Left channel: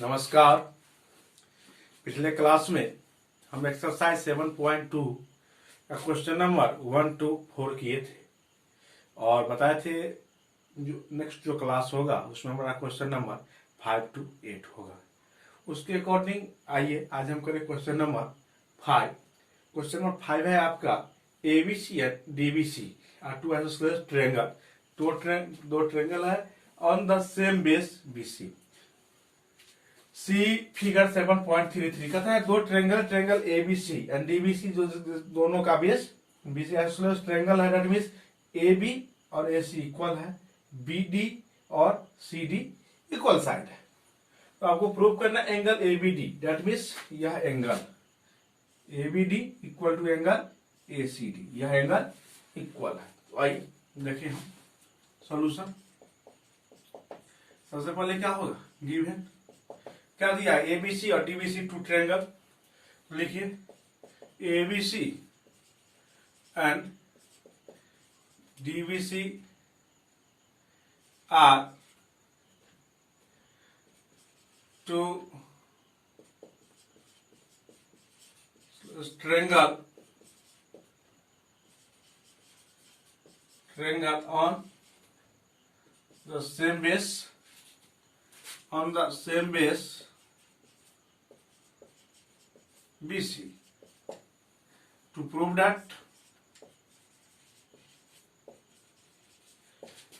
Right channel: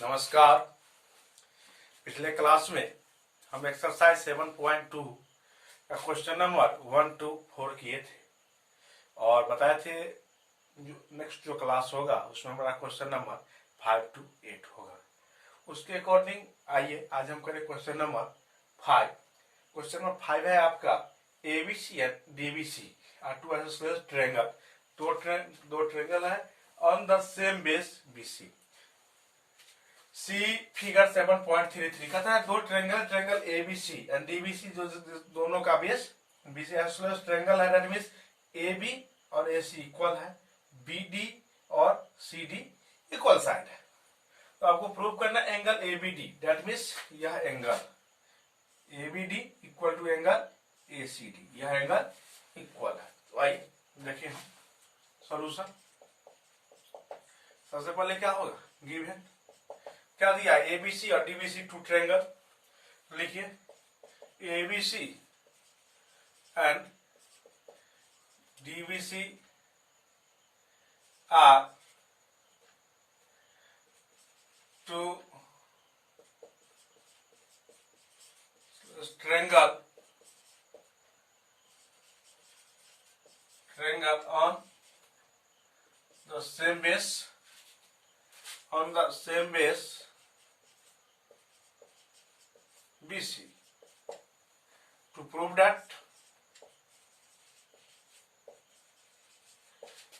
नमस्कार। पिछले क्लास में हम एक्सरसाइज 7.2 का क्वेश्चन नंबर 1 to 4 किए थे और बताए थे जो नेक्स्ट जो क्लास होगा उसमें हमारा क्वेश्चन नंबर 5 to 8 होगा। उसके अकॉर्डिंग आइए आज हम करें क्वेश्चन नंबर 5। क्वेश्चन नंबर 5 है आपका ABC and DBC are two isosceles triangle. दो ट्रायंगल है on the same base BC. See figure 7.33 कहता है दो ट्रायंगल एबीसी एंड डीबीसी जो दोनों का बेस बीसी आइसोसलेस ट्रायंगल है, दैट मींस एबी और एसी इक्वल है, बीडी और सीडी इक्वल साइड है। तो आपको प्रूव करना एंगल एबीडी, दैट मींस यह angle ABD equal to angle ACD, यह एंगल इक्वल है। तो आइए देखिए हम सॉल्यूशन। सबसे पहले क्या होगा, गिवन क्या दिया, एबीसी और डीबीसी टू ट्रायंगल। लिखिए ABC and DBC are two triangle on the same base BC. To prove that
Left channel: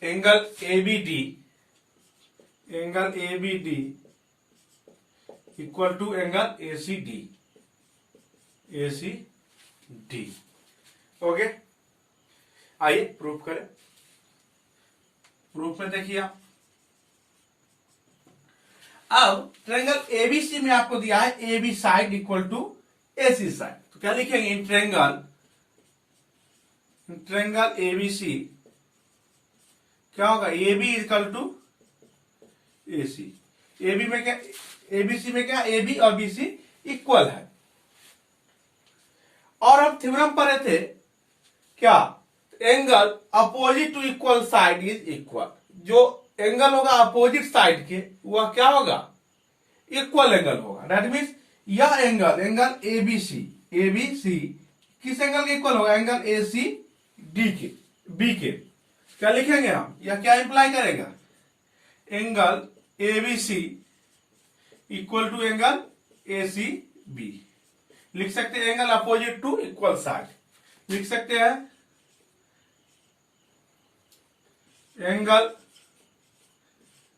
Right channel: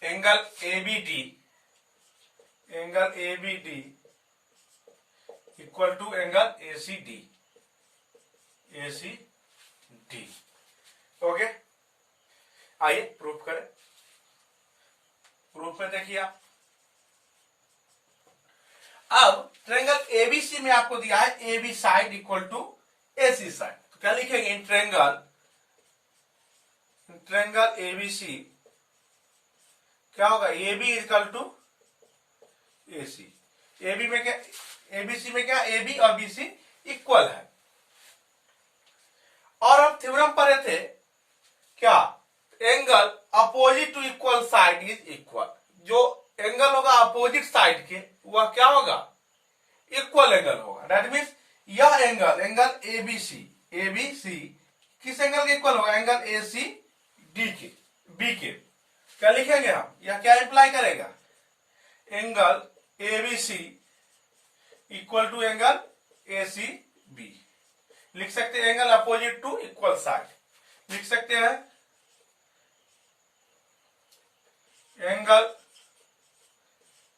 angle ABD equal to angle ACD. Okay, आइए प्रूफ करें। प्रूफ में देखिए आप, अब ट्रायंगल एबीसी में आपको दिया है AB side equal to AC side. तो क्या लिखेंगे, इन ट्रायंगल एबीसी क्या होगा, AB equal to AC. AB में क्या, एबीसी में क्या, एबी और बीसी इक्वल है। और हम थ्योरम पढ़े थे क्या, angle opposite to equal side is equal. जो एंगल होगा अपोजिट साइड के वह क्या होगा, इक्वल एंगल होगा। दैट मींस यह एंगल एबीसी किस एंगल के इक्वल होगा, एंगल एसी डी के बी के। क्या लिखेंगे हम, यह क्या इंप्लाई करेगा, angle ABC equal to angle AC B. लिख सकते हैं angle opposite to equal side, लिख सकते हैं angle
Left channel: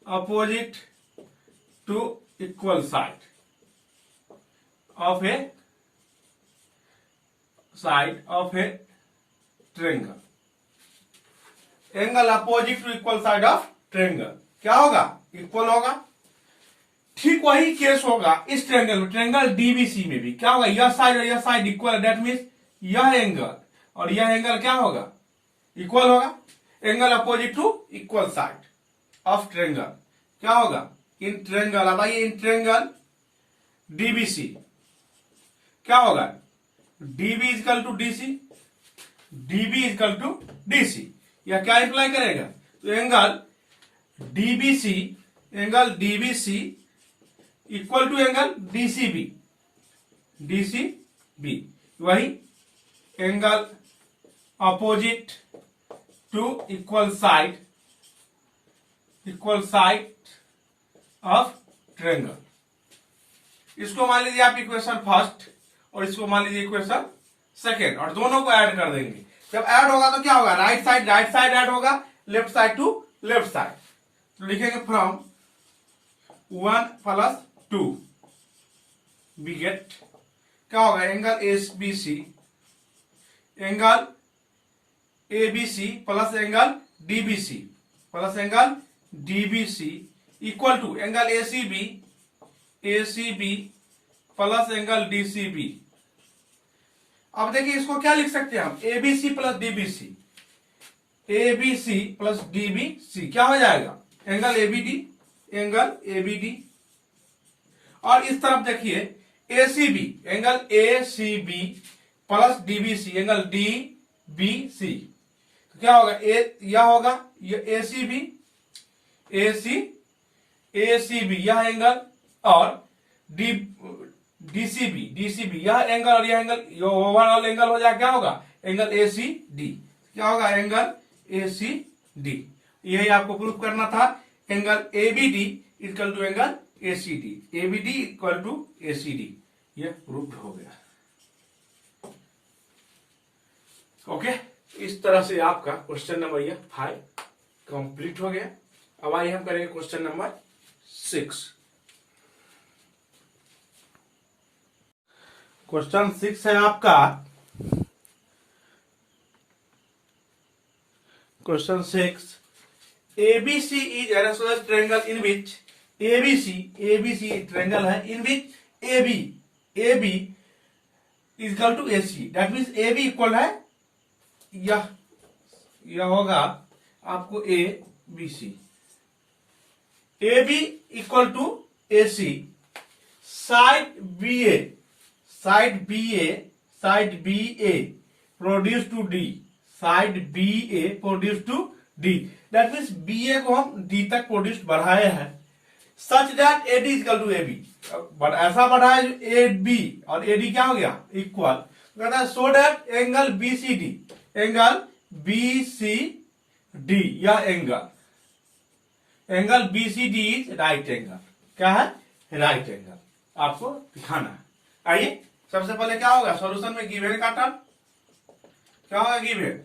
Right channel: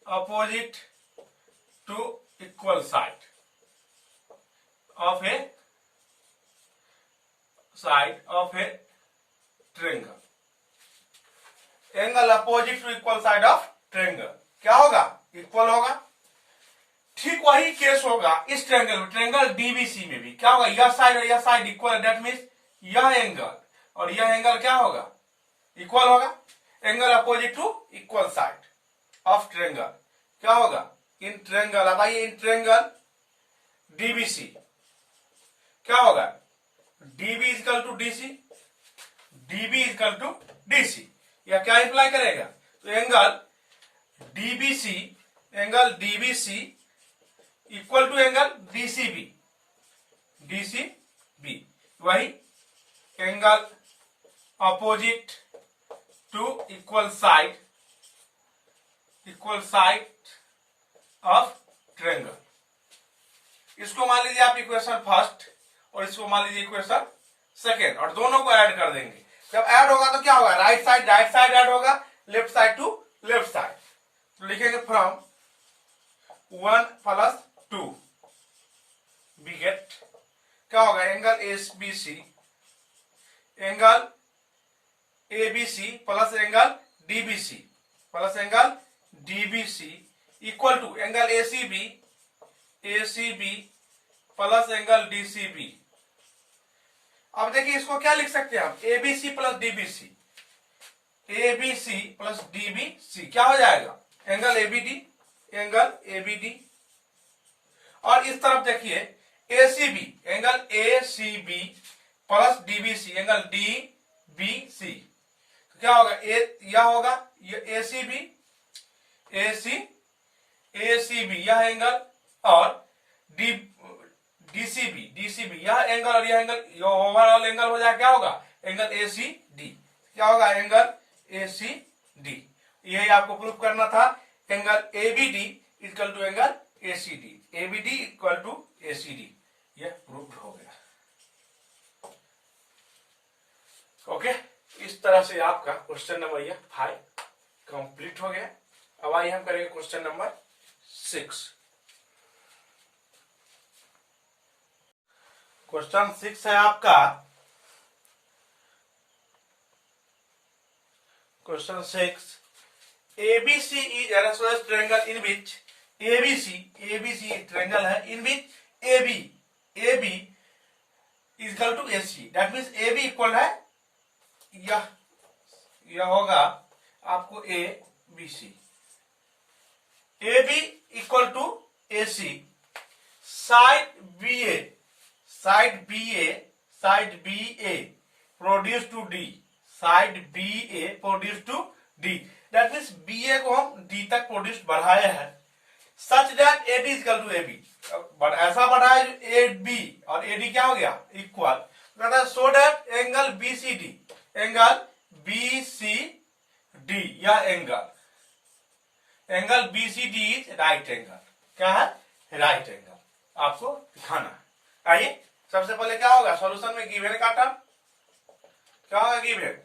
opposite to equal side of a triangle। Angle opposite to equal side of triangle क्या होगा, इक्वल होगा। ठीक वही केस होगा इस ट्रायंगल में, ट्रायंगल डीबीसी में भी क्या होगा, यह साइड और यह साइड इक्वल है। दैट मींस यह एंगल और यह एंगल क्या होगा, इक्वल होगा। Angle opposite to equal side of triangle क्या होगा, इन ट्रायंगल। अब आइए इन ट्रायंगल डीबीसी क्या होगा, डीबी इक्वल टू डीसी। यह क्या इंप्लाई करेगा, तो angle DBC equal to angle DCB. वही angle opposite to equal side of triangle. इसको मान लीजिए आप इक्वेशन फर्स्ट और इसको मान लीजिए इक्वेशन सेकेंड, और दोनों को ऐड कर देंगे। जब ऐड होगा तो क्या होगा, राइट साइड ऐड होगा, left side to left side. तो लिखेंगे फ्रॉम 1 + 2 वी गेट क्या होगा, angle ABC plus angle DBC equal to angle ACB plus angle DCB. अब देखिए इसको क्या लिख सकते हैं हम, एबीसी प्लस डीबीसी क्या हो जाएगा, एंगल एबीडी। और इस तरफ देखिए ACB plus DBC angle DBC. तो क्या होगा, यह होगा ये एसीबी यह एंगल और डी डीसीबी यह एंगल और यह एंगल ओवरऑल एंगल हो जाए क्या होगा, एंगल एसीडी। क्या होगा, एंगल एसीडी। यही आपको प्रूफ करना था। Angle ABD equal to angle ACD, ABD equal to ACD, यह प्रूफ हो गया। ओके, इस तरह से आपका क्वेश्चन नंबर यह 5 कंप्लीट हो गया। अब आइए हम करेंगे क्वेश्चन नंबर 6। क्वेश्चन 6 है आपका, question 6, ABC is an isosceles triangle in which ABC triangle है in which AB is equal to AC, that means AB equal है यह होगा आपको ABC, AB equal to AC, side BA produce to D, side BA produce to D, that means BA को हम D तक produce बढ़ाए हैं, such that AD equal to AB, ऐसा बढ़ाए AB और AD क्या हो गया, इक्वल। कहता है सो दैट एंगल BCD या angle BCD is right angle. क्या है, राइट एंगल आपको दिखाना है। आइए सबसे पहले क्या होगा, सॉल्यूशन में गिवन का टर्म क्या होगा, गिवन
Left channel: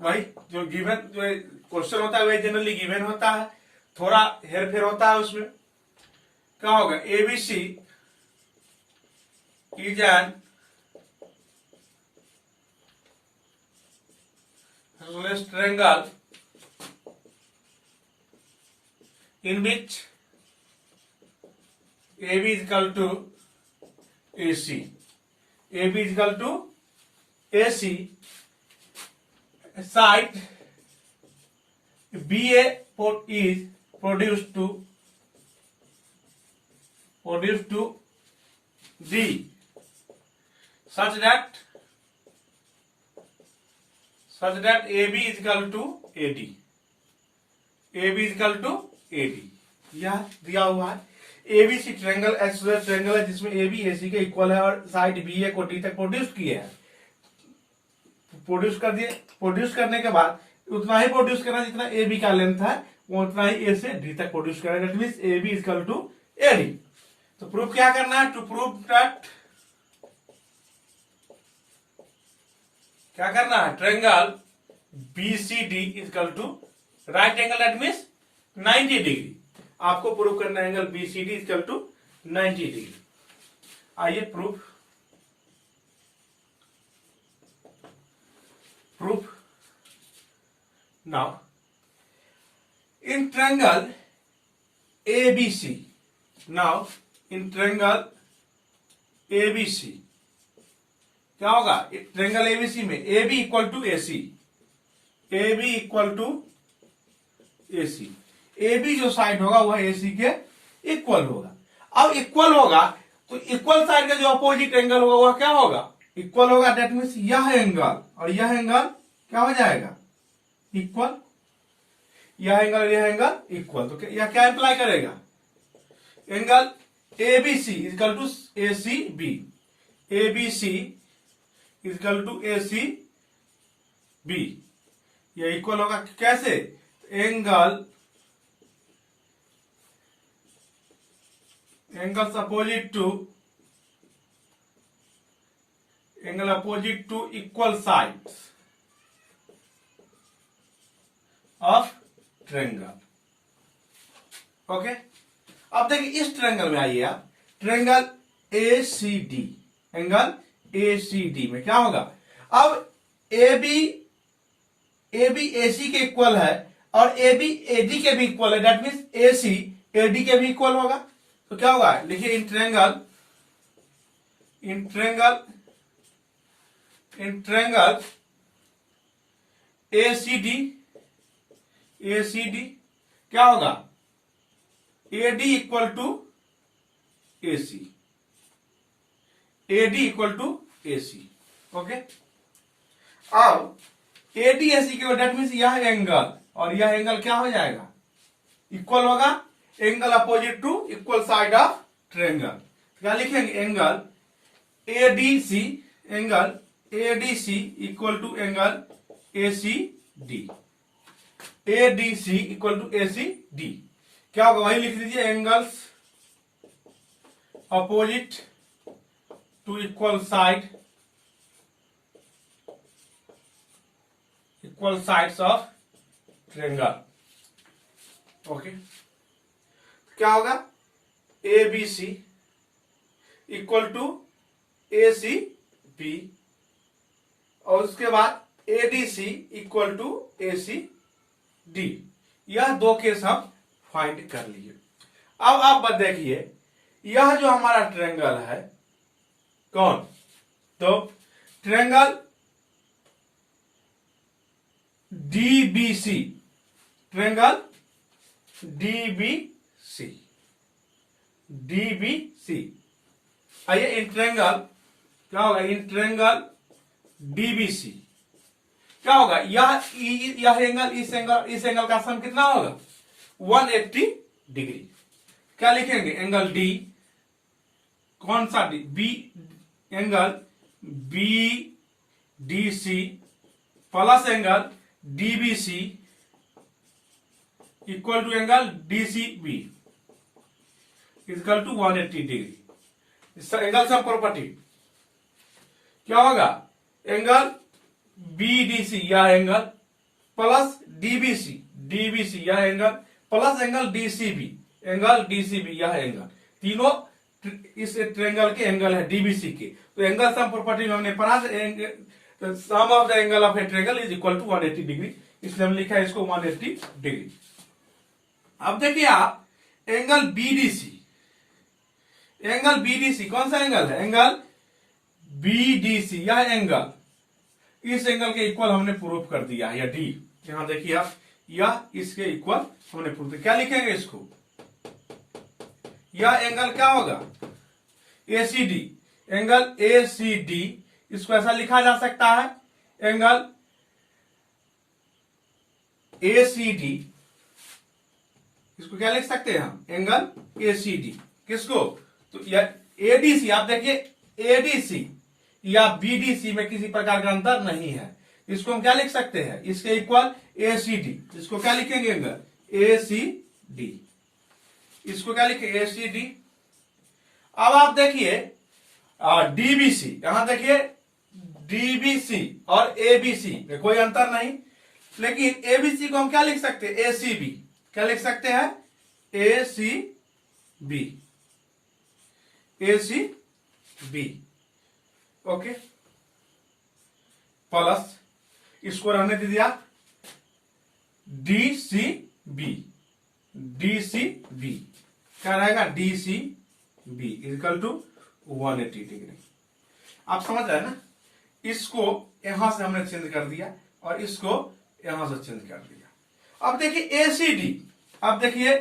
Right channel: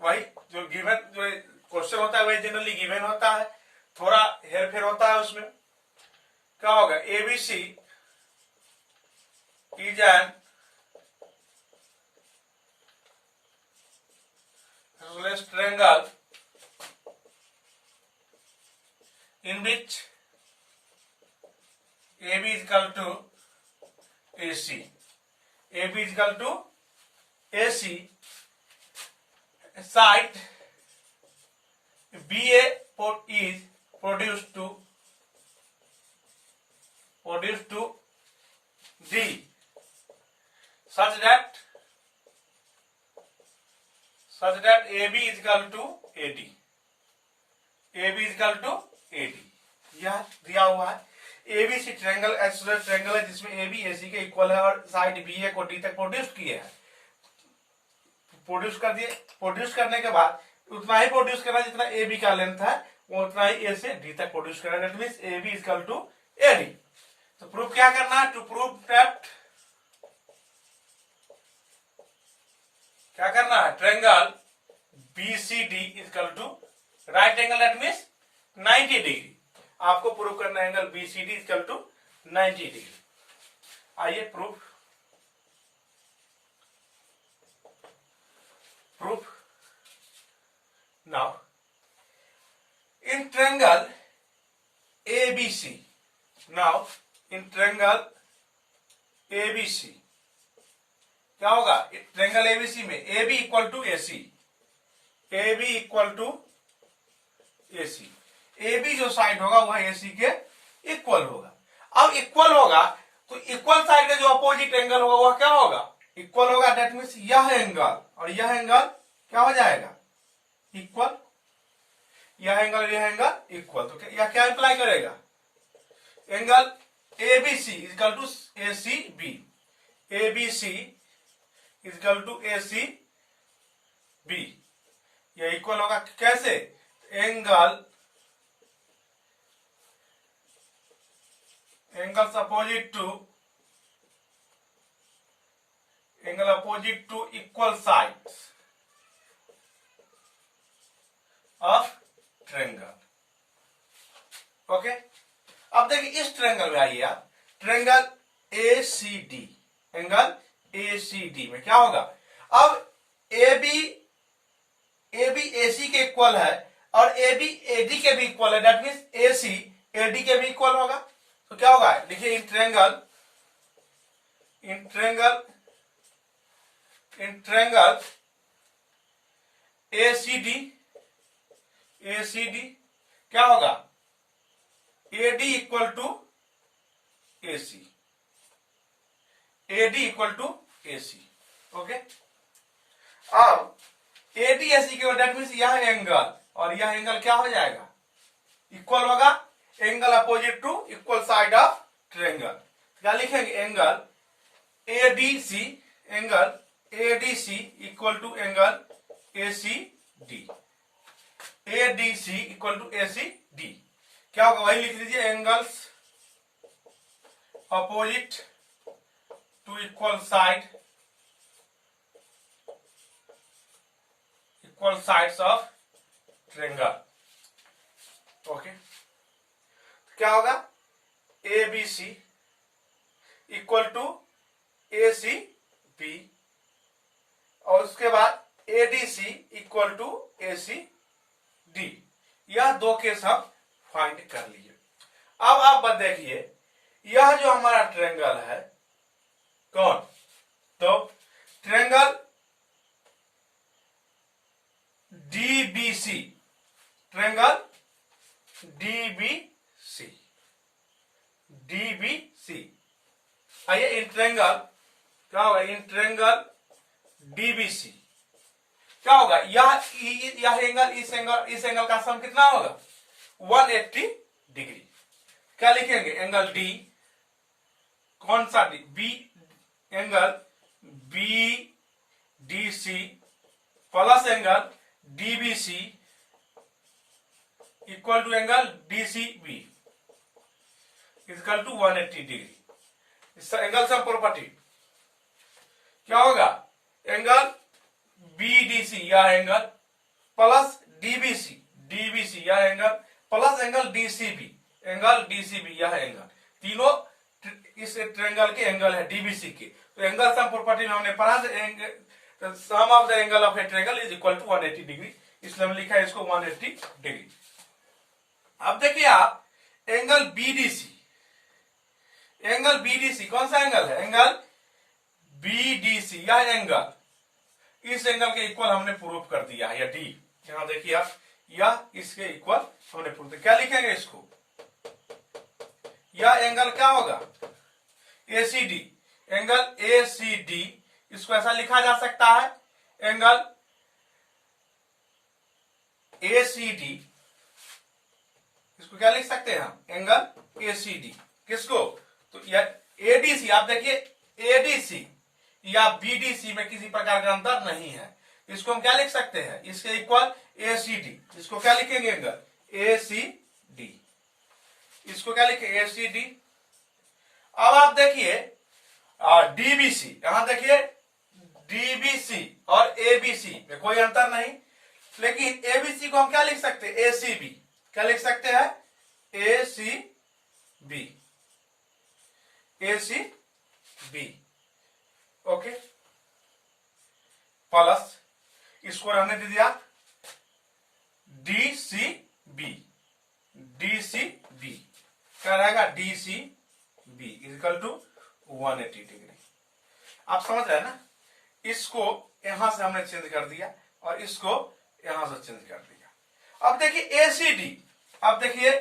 वही जो गिवन जो क्वेश्चन होता है वही जनरली गिवन होता है, थोड़ा हेर फेर होता है उसमें। क्या होगा, ABC is an isosceles triangle in which AB is equal to AC, AB is equal to AC, side BA is produced to D, such that AB is equal to AD, AB is equal to AD, यह दिया हुआ है। ABC triangle isosceles triangle है जिसमें AB AC के equal है और side BA को D तक प्रोड्यूस किए हैं, प्रोड्यूस कर दिए। प्रोड्यूस करने के बाद उतना ही प्रोड्यूस करना जितना AB का लेंथ है, वो उतना ही A से D तक प्रोड्यूस करना, that means AB is equal to AD। तो प्रूफ क्या करना है, टू प्रूव दैट क्या करना है, triangle BCD is equal to right angle, that means 90 degree. आपको प्रूव करना है angle BCD is equal to 90 degree. आइए proof now in triangle ABC, now in triangle ABC क्या होगा, ट्रायंगल ABC में AB equal to AC, AB equal to AC, AB जो side होगा वह AC के इक्वल होगा। अब इक्वल होगा तो इक्वल साइड का जो अपोजिट एंगल होगा वह क्या होगा, इक्वल होगा, दैट मीन्स यह एंगल और यह एंगल क्या हो जाएगा, इक्वल। यह एंगल और यह एंगल इक्वल, तो यह क्या इंप्लाई करेगा, angle ABC is equal to ACB, ABC is equal to ACB, यह इक्वल होगा। कैसे, angle opposite to equal sides of triangle. Okay, अब देखिए इस ट्रायंगल में आइए आप, ट्रायंगल ACD, एंगल ACD में क्या होगा, अब AB AC के इक्वल है और AB AD के भी इक्वल है, दैट मीन्स AC AD के भी इक्वल होगा। तो क्या होगा, लिखिए इन ट्रायंगल ACD क्या होगा, AD equal to AC, AD equal to AC। Okay, अब AD AC के दैट मीन्स यह एंगल और यह एंगल क्या हो जाएगा, इक्वल होगा। Angle opposite to equal side of triangle. क्या लिखेंगे? Angle ADC, angle ADC equal to angle ACD, ADC equal to ACD. क्या होगा? वही लिख दीजिए, angles opposite to equal sides of triangle. Okay, क्या होगा? A B C equal to A C B, और उसके बाद A D C equal to A C D. यह दो केस हम फाइंड कर लिए। अब आप देखिए, यह जो हमारा ट्रायंगल है कौन? तो triangle DBC, triangle DBC, DBC. आइए, इन ट्रायंगल क्या होगा? इन ट्रायंगल डीबीसी क्या होगा? यह एंगल इस एंगल का सम कितना होगा? 180 डिग्री। क्या लिखेंगे? एंगल डी, कौन सा D? B, angle B D C plus angle DBC equal to angle DCB equal to 180 degree. Angle sum property क्या होगा? एंगल बीडीसी या एंगल प्लस डीबीसी, डीबीसी या angle plus angle DCB, angle DCB या angle, तीनों इस triangle के angle है DBC के। तो एंगल सम प्रॉपर्टी में हमने पढ़ा, sum of the angle of a triangle is equal to 180 degree, इसलिए हम लिखा है इसको 180 डिग्री। अब देखिए आप, एंगल बीडीसी, एंगल बीडीसी कौन सा एंगल है? एंगल बीडीसी या एंगल इस एंगल के इक्वल हमने प्रूव कर दिया है, या डी। यहां देखिए आप, या इसके इक्वल हमने प्रूव किया। क्या लिखेंगे इसको? यह एंगल क्या होगा? एसीडी, एंगल एसीडी, इसको ऐसा लिखा जा सकता है, एंगल एसीडी, इसको क्या लिख सकते हैं हम? Angle ACD. किसको? तो एडीसी, आप देखिए एडीसी या बीडीसी में किसी प्रकार का अंतर नहीं है, इसको हम क्या लिख सकते हैं? इसके इक्वल एसीडी, इसको क्या लिखेंगे? एंगल एसीडी, इसको क्या लिखेंगे? एसीडी। अब आप देखिए डीबीसी, यहां देखिए डीबीसी और एबीसी में कोई अंतर नहीं, लेकिन एबीसी को हम क्या लिख सकते हैं? एसीबी। क्या लिख सकते हैं? ACB, ACB. ओके, प्लस इसको रहने दीजिए आप, डीसीबी, डीसीबी क्या रहेगा? DCB equal to 180 degree. आप समझ रहे हैं ना? इसको यहां से हमने चेंज कर दिया और इसको यहां से चेंज कर दिया। अब देखिए एसीडी, अब देखिए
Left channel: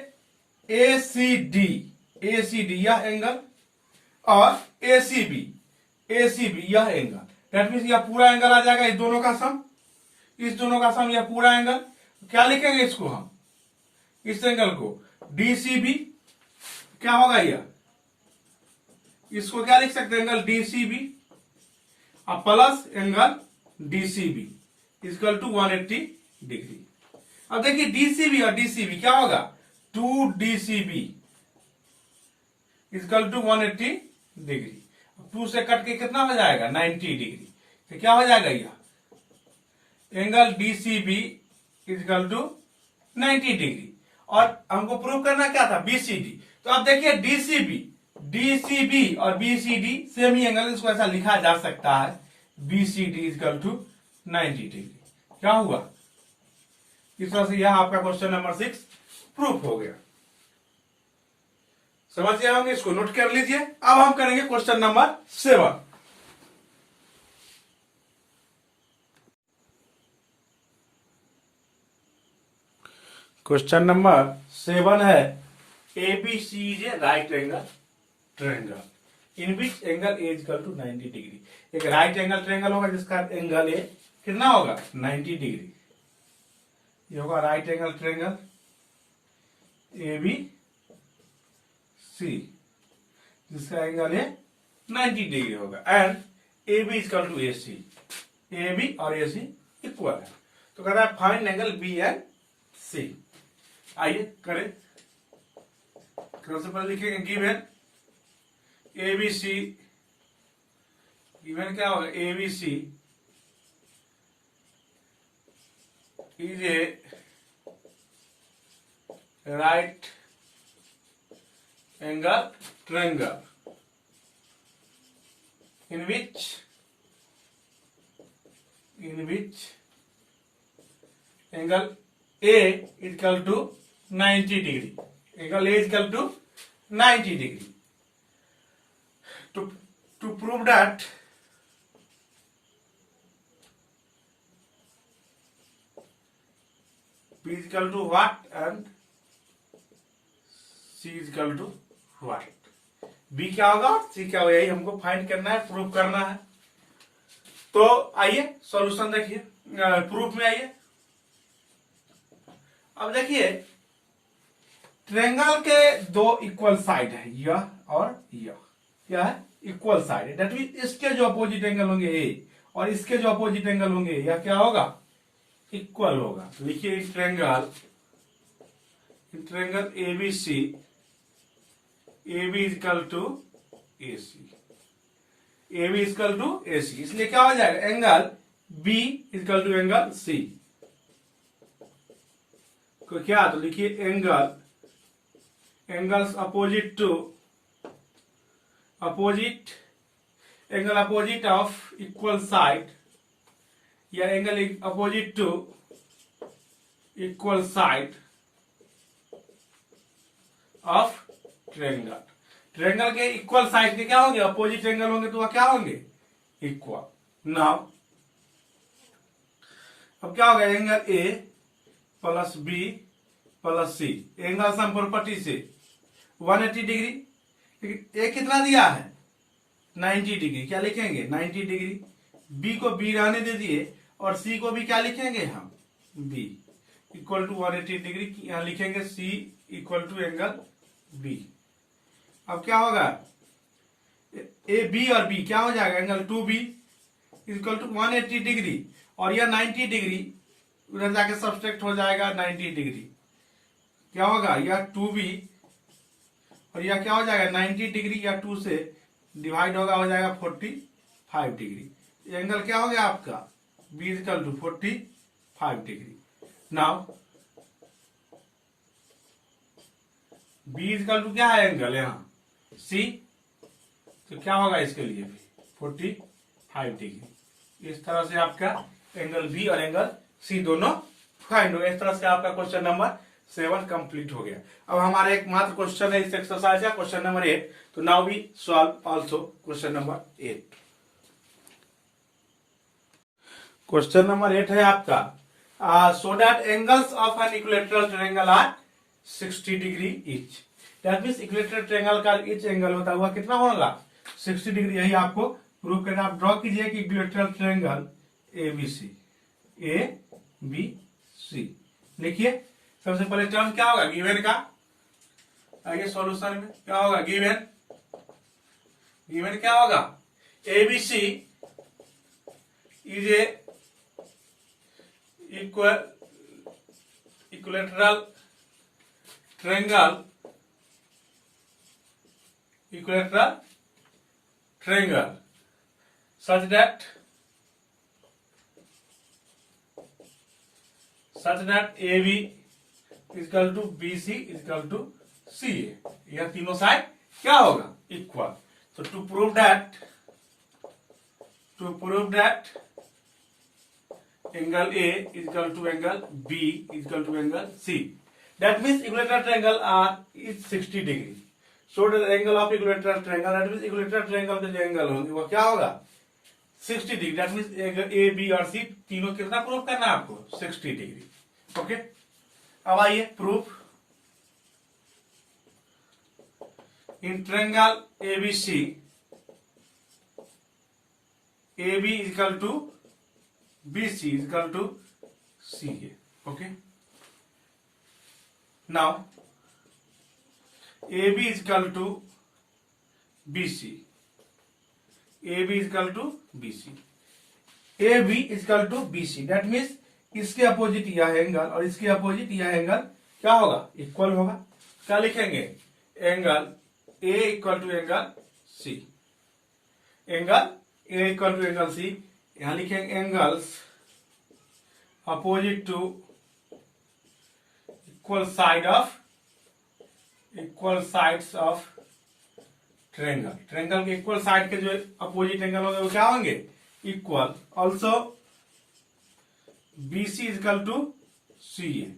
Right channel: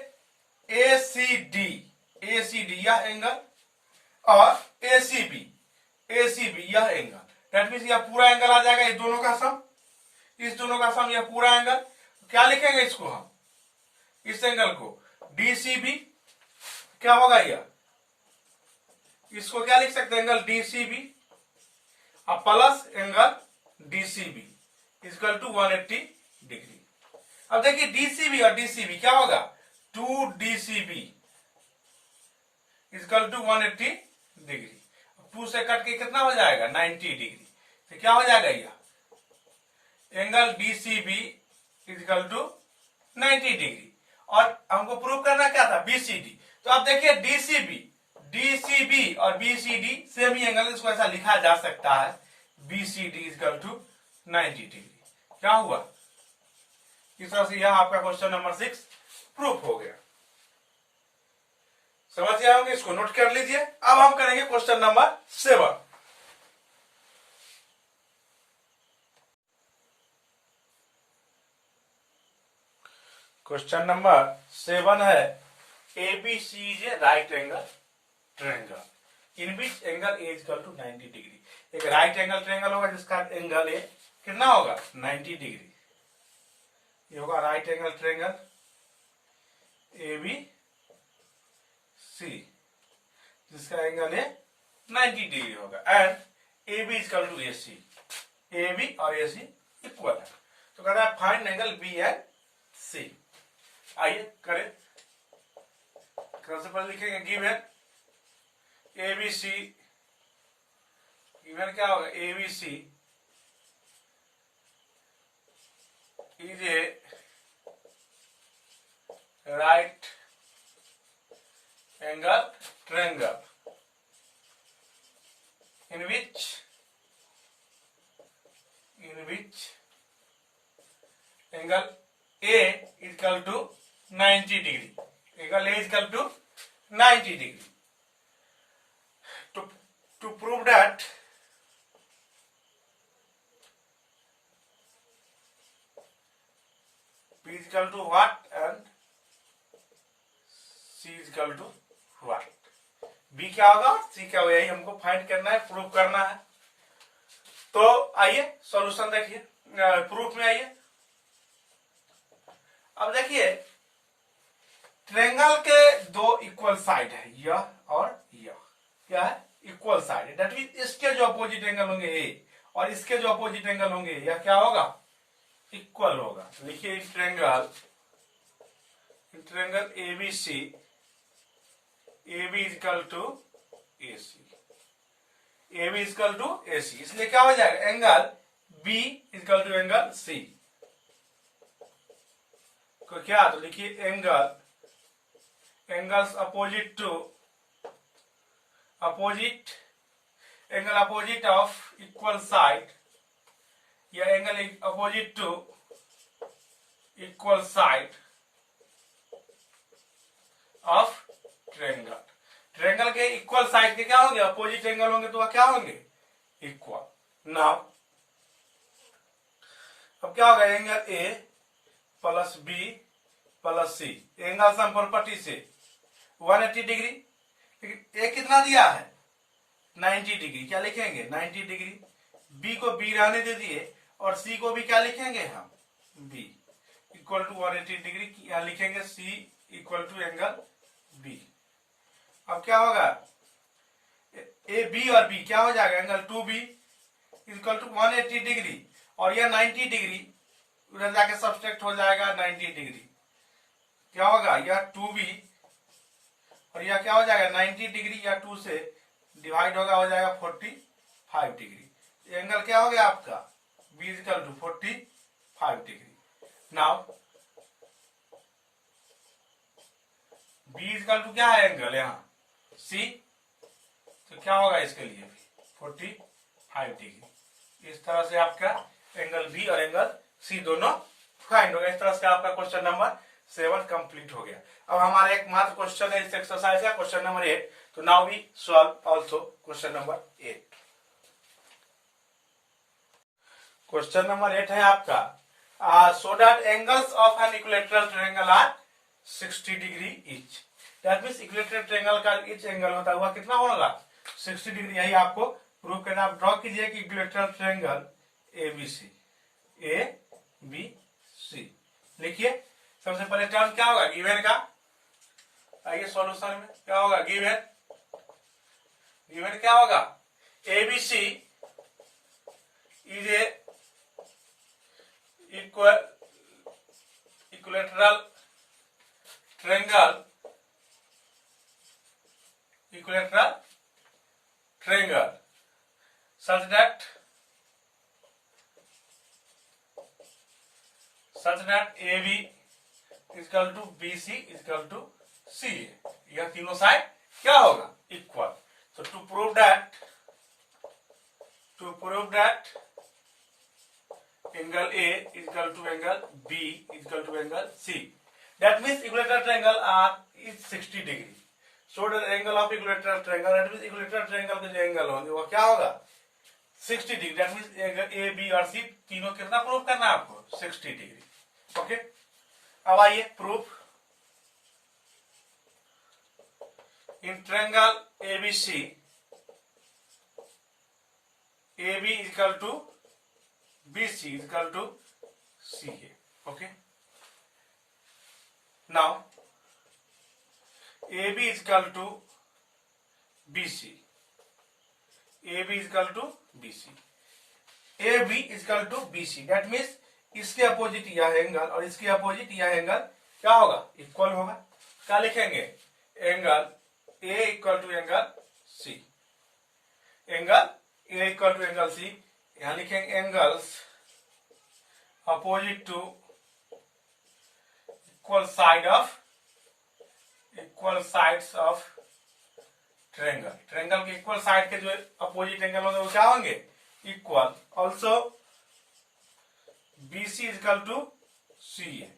एसीडी, एसीडी यह एंगल और एसीबी, एसीबी यह एंगल, दैट मीन्स यह पूरा एंगल आ जाएगा, इस दोनों का सम, इस दोनों का सम, यह पूरा एंगल। क्या लिखेंगे इसको हम? इस एंगल को डीसीबी, क्या होगा यह? इसको क्या लिख सकते हैं? एंगल डीसीबी और plus angle DCB equal to 180 degree. अब देखिए डीसीबी और डीसीबी क्या होगा? 2 डीसीबी इक्वल टू 180 डिग्री। 2 से कट के कितना हो जाएगा? 90 डिग्री। तो क्या हो जाएगा? यह angle DCB equal to 90 degree. और हमको प्रूव करना क्या था? बीसीडी। तो अब देखिए डीसीबी, डीसीबी और बीसीडी सेम ही एंगल, इसको ऐसा लिखा जा सकता है, बीसीडी इक्वल टू 90 डिग्री। क्या हुआ? इस तरह से यह आपका क्वेश्चन नंबर 6 प्रूफ हो गया। समझ गए होंगे, इसको नोट कर लीजिए। अब हम करेंगे क्वेश्चन नंबर 7। क्वेश्चन नंबर 7 है, ABC is a right angle triangle in which angle A equal to 90 degree. एक राइट एंगल ट्रायंगल होगा जिसका एंगल ए कितना होगा? 90 डिग्री। ये होगा right angle triangle A B C, जिसका एंगल है 90 डिग्री होगा। And A B is equal to A C, A B और ए सी इक्वल है। तो कह रहा है find angle B and C. आइए करें। सबसे पहले लिखेंगे given A B C, given क्या होगा, A B C is a right angle triangle in which angle A is equal to 90 degree. Angle A is equal to 90 degree. To prove that B is equal to what and C is equal to what. B क्या होगा, सी क्या होगा, यही हमको find करना है, proof करना है। तो आइए सॉल्यूशन देखिए, प्रूफ में आइए। अब देखिए ट्रायंगल के दो इक्वल साइड है, यह और यह, क्या है, इक्वल साइड है। दैट मीन इसके जो अपोजिट एंगल होंगे ए और इसके जो अपोजिट एंगल होंगे यह क्या होगा, इक्वल होगा। लिखिए triangle A B C, A B is equal to A C, A B is equal to A C, इसलिए क्या हो जाएगा, angle B is equal to angle C को क्या, तो लिखिए angles opposite to angle opposite of equal side या angle opposite to equal side of triangle के इक्वल साइड के क्या होंगे, अपोजिट एंगल होंगे तो वह क्या होंगे, इक्वल। नाउ अब क्या होगा, angle A plus B plus C, angle sum property से 180 डिग्री, लेकिन ए कितना दिया है, 90 डिग्री, क्या लिखेंगे 90 डिग्री। बी को बी रहने दे दिए और सी को भी क्या लिखेंगे हम, बी इक्वल टू 180 डिग्री, यहां लिखेंगे सी इक्वल टू एंगल बी। अब क्या होगा, ए बी और बी क्या हो जाएगा, angle 2B equal to 180 degree और यह 90 डिग्री, उधर जाके सब्सट्रैक्ट हो जाएगा 90 डिग्री, क्या होगा, यह 2B और यह क्या हो जाएगा 90 डिग्री, या 2 से डिवाइड होगा, हो जाएगा 45 डिग्री। एंगल क्या हो गया आपका, B equal to 45 degree. Now B equal to क्या है, एंगल यहाँ C, तो क्या होगा इसके लिए भी 45 डिग्री। इस तरह से आपका एंगल B और एंगल C दोनों फाइंड हो गया। इस तरह से आपका क्वेश्चन नंबर 7 कंप्लीट हो गया। अब हमारा एक मात्र क्वेश्चन है इस एक्सरसाइज का, क्वेश्चन नंबर 8। तो now we solve also question number 8। Question number 8 है आपका, so that angles of an equilateral triangle are 60 degree each. That means equilateral triangle का ईच एंगल होता हुआ कितना होगा, 60 डिग्री। यही आपको प्रूव करना। आप ड्रॉ कीजिए कि equilateral triangle A B C लिखिए। सबसे पहले टर्म क्या होगा, गिवन का। आइए सॉल्यूशन में क्या होगा, गिवन क्या होगा, A B C is a equilateral triangle such that AB is equal to BC is equal to CA। यह तीनों साइड क्या होगा, equal. So to prove that angle A is equal to angle B is equal to angle C, that means equilateral triangle is 60 degree। So the angle of equilateral triangle, that means equilateral triangle के जो angle होंगे वो क्या होगा, 60 degree. That means A B और C तीनों कितना proof करना है आपको, 60 डिग्री। ओके, अब आइए proof. In triangle ABC, A B equal to B C equal to C A. Okay, now A B is equal to B C, A B is equal to B C, A B is equal to B C, that means इसके अपोजिट यह angle और इसके अपोजिट यह angle क्या होगा, equal होगा। क्या लिखेंगे, angle A equal to angle C, angle A equal to angle C, यहां लिखेंगे angles opposite to equal sides of triangle, triangle के इक्वल साइड के जो अपोजिट एंगल होंगे वो क्या होंगे, equal. Also BC equal to CA,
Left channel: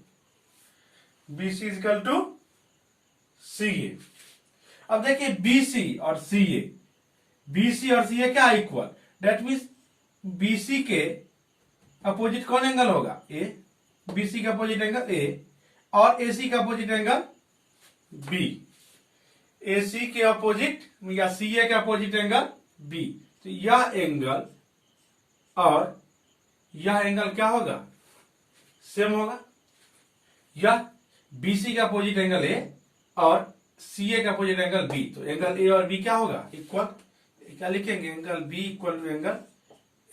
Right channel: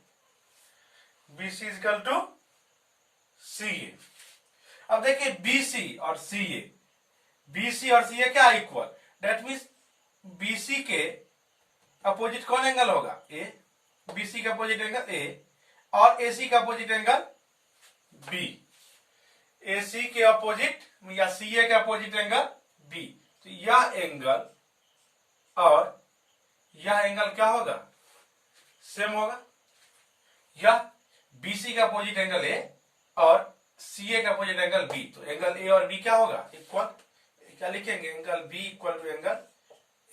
BC equal to CA। अब देखिए BC और CA, BC और CA क्या इक्वल, दैट मीन्स BC के अपोजिट कौन एंगल होगा, A, BC का अपोजिट एंगल A और AC का अपोजिट एंगल B, AC के अपोजिट या CA के अपोजिट एंगल B, तो यह एंगल और यह एंगल क्या होगा, सेम होगा। यह BC का अपोजिट एंगल A और CA का अपोजिट एंगल B, तो एंगल A और B क्या होगा, इक्वल। क्या लिखेंगे, angle B equal to angle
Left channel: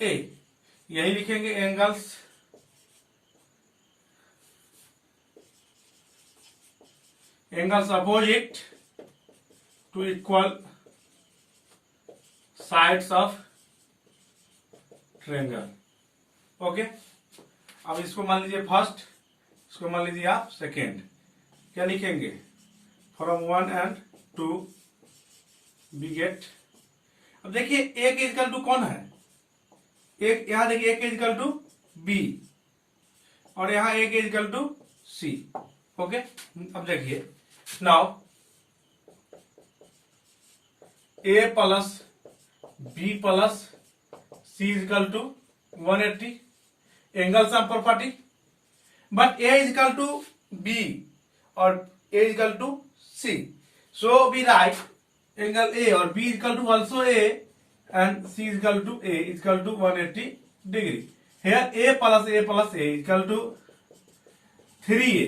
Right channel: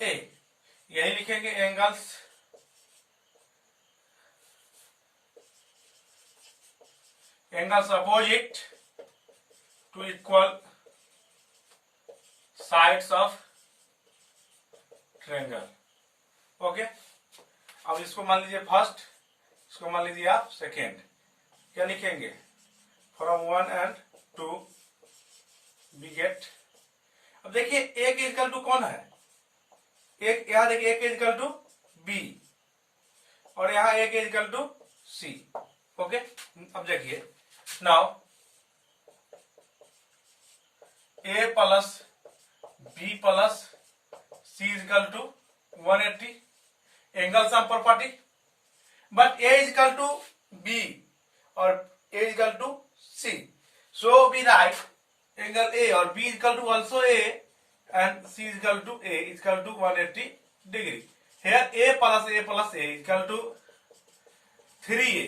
A, यही लिखेंगे angles opposite to equal sides of triangle. Okay, अब इसको मान लीजिए फर्स्ट, इसको मान लीजिए आप सेकेंड। क्या लिखेंगे, फ्रॉम 1 and 2 वी गेट। अब देखिए एक इजकल टू कौन है, एक यहां देखिए एक इजकल टू बी और यहां एक इजकल टू सी। ओके, अब देखिए now A plus B plus C is equal to 180, angle sum property, but A is equal to B और A is equal to C, so we write angle A और B is equal to also A and C is equal to A is equal to 180 degree. Here A plus A is equal to 3a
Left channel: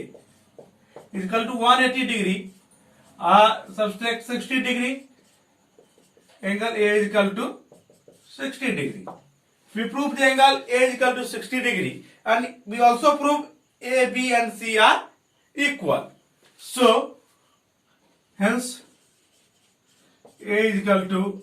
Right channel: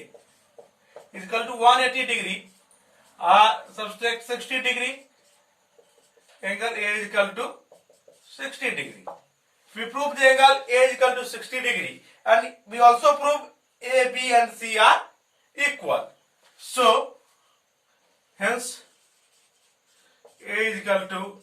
is equal to 180 degree, subtract 60 degree, angle A is equal to 60 degree. We prove the angle A is equal to 60 degree and we also prove A, B and C are equal. So, hence A is equal to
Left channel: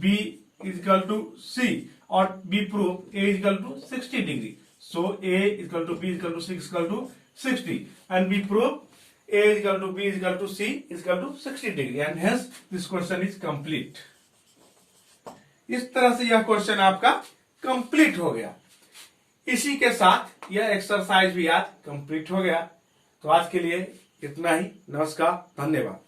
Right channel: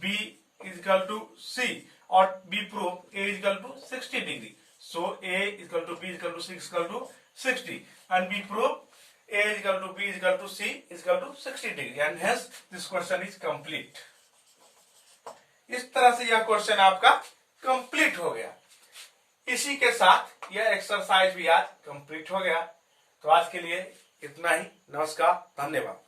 B is equal to C or we prove A is equal to 60 degree. So, A is equal to B is equal to 6 is equal to 60 and we prove A is equal to B is equal to C is equal to 60 degree and hence this question is complete. इस तरह से यह question आपका complete हो गया। इसी के साथ यह एक्सरसाइज भी आज कंप्लीट हो गया। तो आज के लिए इतना ही। नमस्कार, धन्यवाद।